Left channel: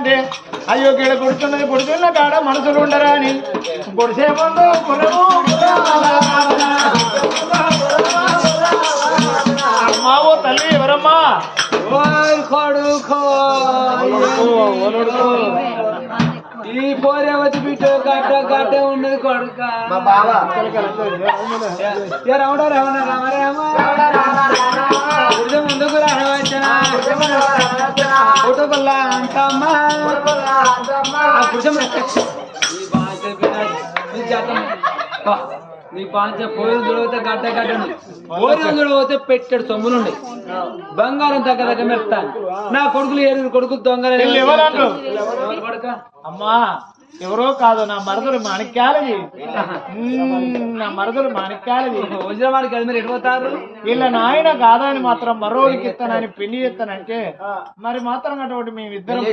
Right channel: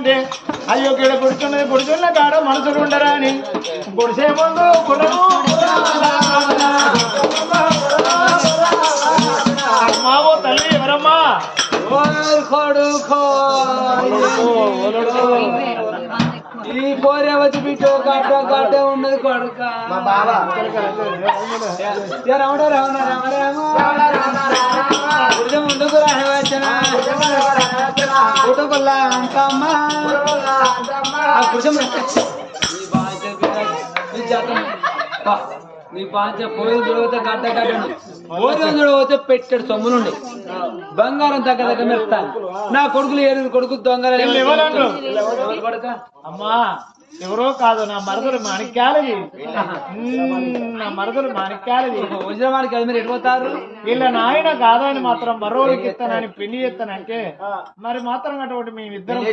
అంటే? అయ్యో గీడ పుడుతున్నది పుడుతున్న కాడ మనసులు ఉండరా అని. పొడిసే ముందు కులము మావో తల్లి ఎవరమ్మా? ఓయ్ కొడుకో ఈ పోరే వచ్చి బిడ్డో గడ్డ గడ్డ ఉన్నది కొడుక. రమణ రమణ రామ రామ ముందుకు రావచ్చిన ఫోటోకొల్లా అంతమ్మా ఆ గుడిసం నీ బాధ్య నీ జాతం పా. నీ పాంచ పోయిన చూడవతే గడ్డ గడ్డను. పోయిన చూడవతే పెట్టాడు సొమ్ములుండి బంగారం దగ్గర దగ్గర మెరుస్తాను నా కొడుకులు ఏడు కొడుకులు దొంగలు అమ్మా ఎవరో కాదు నా మరదలు మాణిక్యాలది నా మరదలు మాణిక్యాలది వజ్రమానికి అది మీరు ఎడిపోతారు వీళ్ళ నాయన కాదని మాత్రం మరోడికి ఇస్తానని పెళ్ళి చేస్తానంటే మరి మాత్రం అటువంటి మేమిద్దరం